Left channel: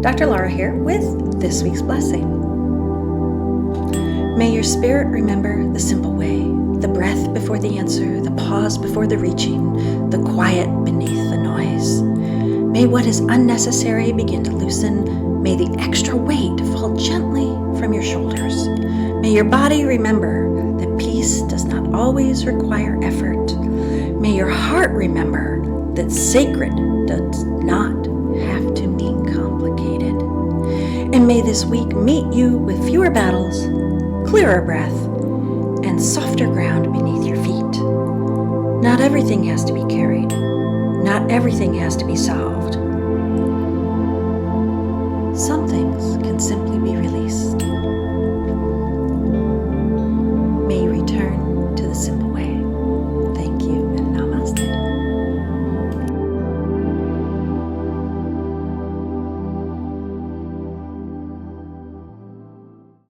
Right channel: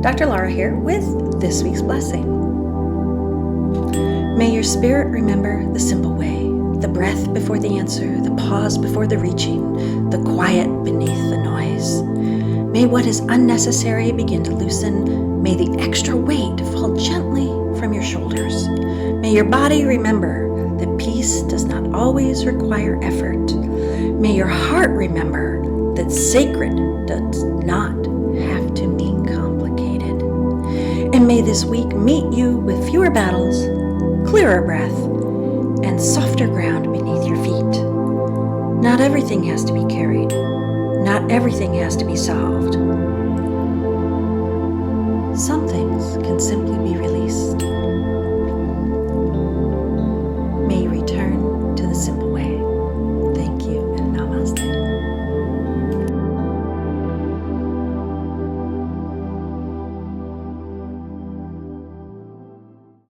Dr. Laura here with this week's blessing. May your spirit remember the simple way, the breath before the answer, the pause before the reaching, the quiet beneath the noise. May what is unnecessary begin to loosen. May the extra weight fall gently from your shoulders. May your body remember that peace does not always require effort. May your heart remember that sacred does not have to mean complicated. And may this week meet you with fewer battles, clearer breath, and softer ground beneath your feet. Not everything has to be carried. Not everything has to be solved.